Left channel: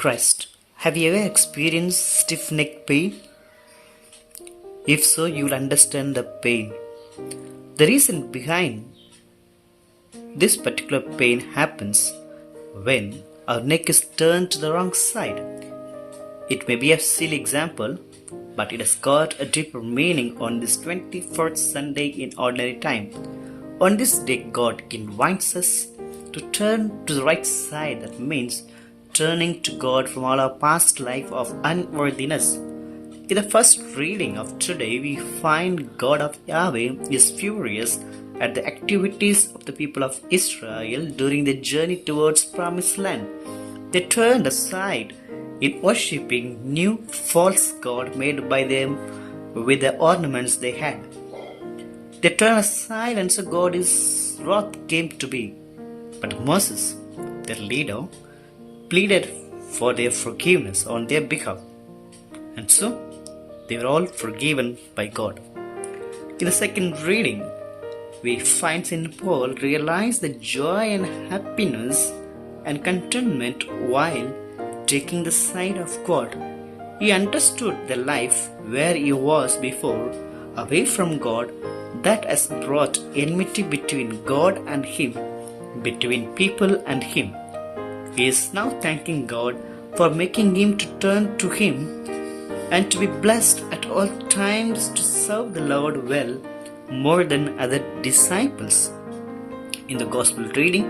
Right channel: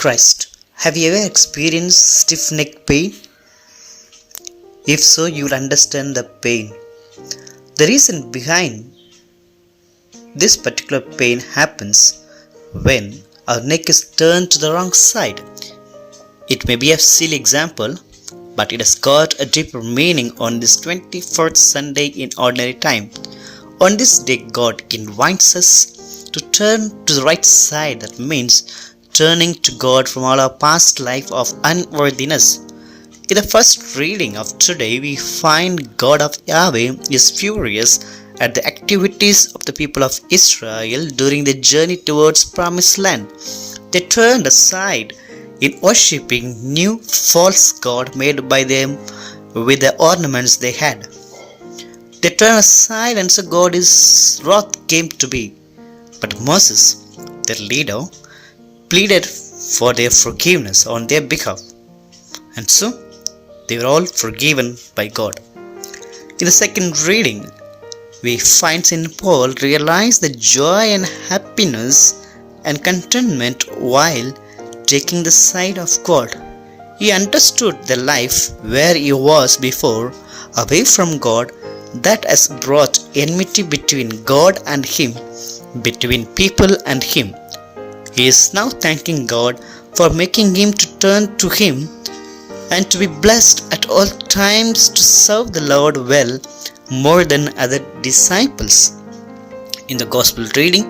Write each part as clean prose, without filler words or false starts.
Christ. Have you ever experienced stiff neck pain? If so, you'll understand the pain. The reason behind this particular pain happens when our neck is turned to the wrong side. It may be a silly example, but it has got a deeper meaning on this 24th Sunday in ordinary time. On this day, God invites us to turn to the right side. That means turning to God from all our past life of unworthiness. In the first reading of today, we find God of Yahweh is furious at the activities of the people of Israel during their journey towards Promised Land. They turned aside in worshipping new false god made by them with the ornaments they had. They turned aside and so God's wrath came to be. But Moses, their leader, pleaded for their forgiveness on their behalf. And so they were all forgiven by God. In the second reading, we find St. Paul realize the joy and happiness and contentment while taking the side of God. He understood the life where he was before, away from God, that has brought enmity between God and him, between people and him. He is now thanking God for making him to turn to him and to be blessed at all times to serve the Lord well more than other disciples. In the Gospel reading,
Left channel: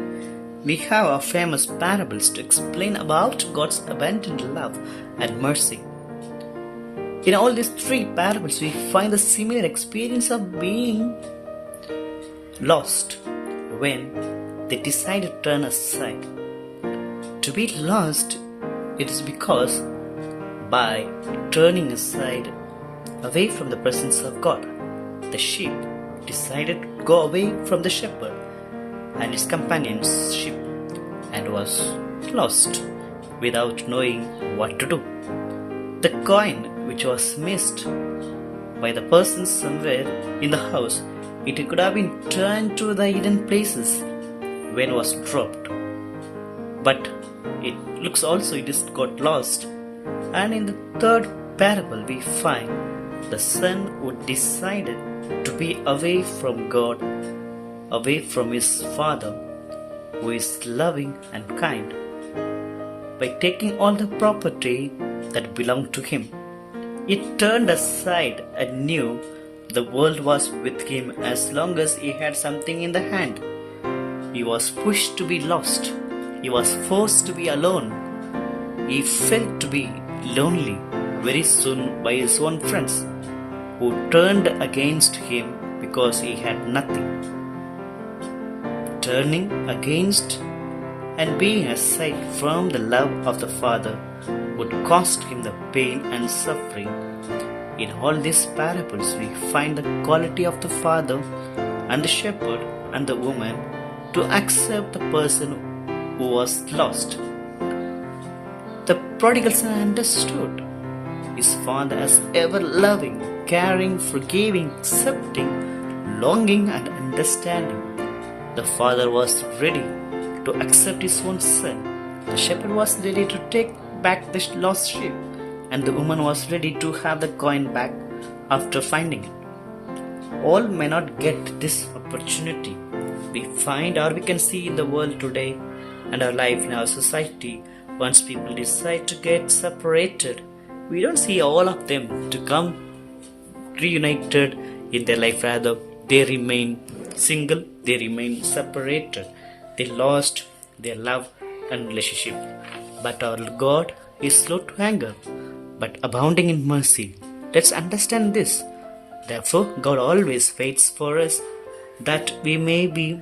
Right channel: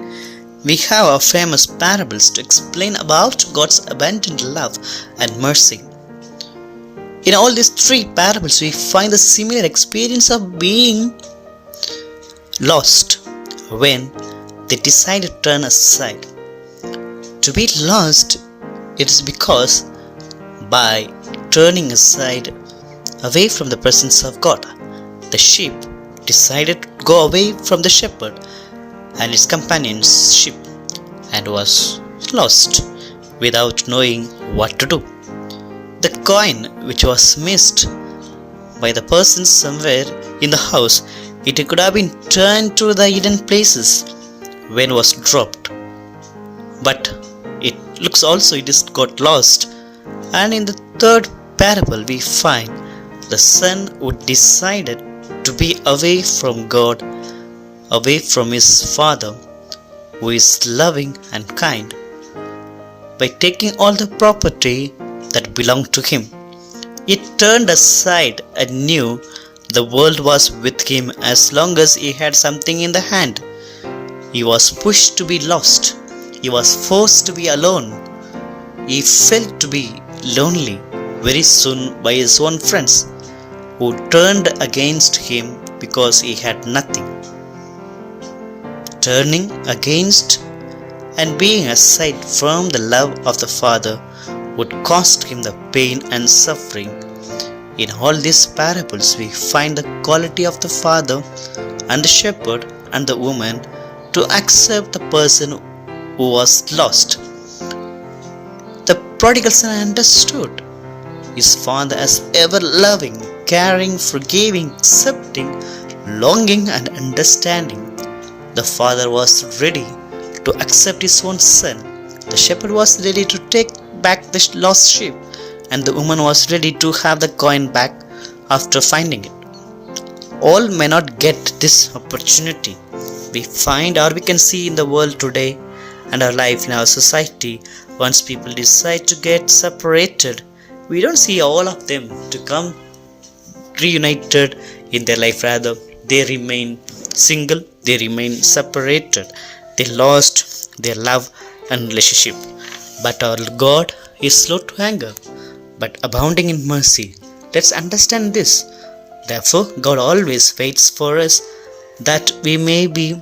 we have our famous parables to explain about God's abundant love and mercy. In all these three parables, we find the similar experience of being lost when they decide to turn aside. To be lost, it is because by turning aside away from the presence of God, the sheep decided to go away from the shepherd and its companionship and was lost without knowing what to do. The coin which was missed by the person somewhere in the house, it could have been turned to the hidden places when it was dropped. But it looks also it is got lost. And in the third parable we find the son who decided to be away from God, away from his father, who is loving and kind, by taking all the property that belonged to him. He turned aside and knew the world was with him as long as he had something in the hand. He was pushed to be lost. He was forced to be alone. He felt to be lonely very soon by his own friends, who turned against him because he had nothing. Turning against and being aside from the love of the Father would cost him the pain and suffering. In all these parables, we find the quality of the Father and the shepherd and the woman to accept the person who was lost. The prodigal son understood his father as ever loving, caring, forgiving, accepting, longing, and understanding. The father was ready to accept his own son. The shepherd was ready to take back the lost sheep, and the woman was ready to have the coin back after finding it. All may not get this opportunity. We find or we can see in the world today and our life in our society, once people decide to get separated, we don't see all of them to come reunited in their life. Rather, they remain single, they remain separated, they lost their love and relationship. But our God is slow to anger, but abounding in mercy. Let's understand this. Therefore, God always waits for us that we may be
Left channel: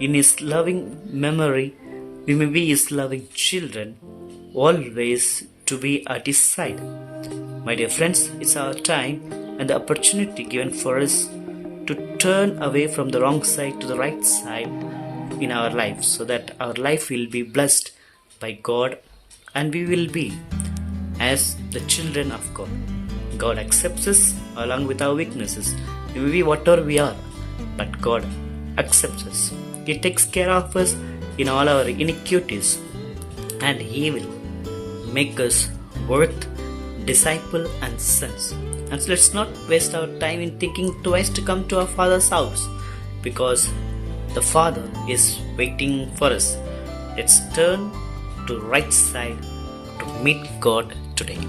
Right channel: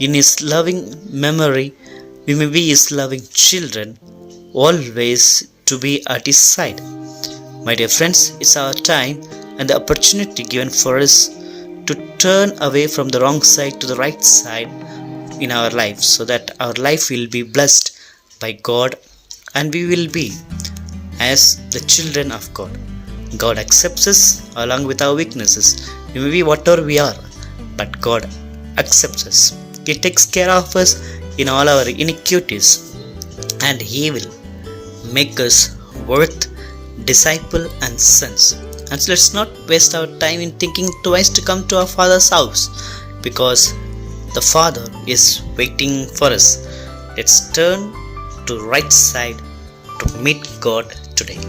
in His loving memory, we may be His loving children, always to be at His side. My dear friends, it's our time and the opportunity given for us to turn away from the wrong side to the right side in our life, so that our life will be blessed by God and we will be as the children of God. God accepts us along with our weaknesses. We may be whatever we are, but God accepts us. He takes care of us in all our iniquities, and He will make us worth, disciple, and sons. And so let's not waste our time in thinking twice to come to our Father's house, because the Father is waiting for us. Let's turn to right side to meet God today.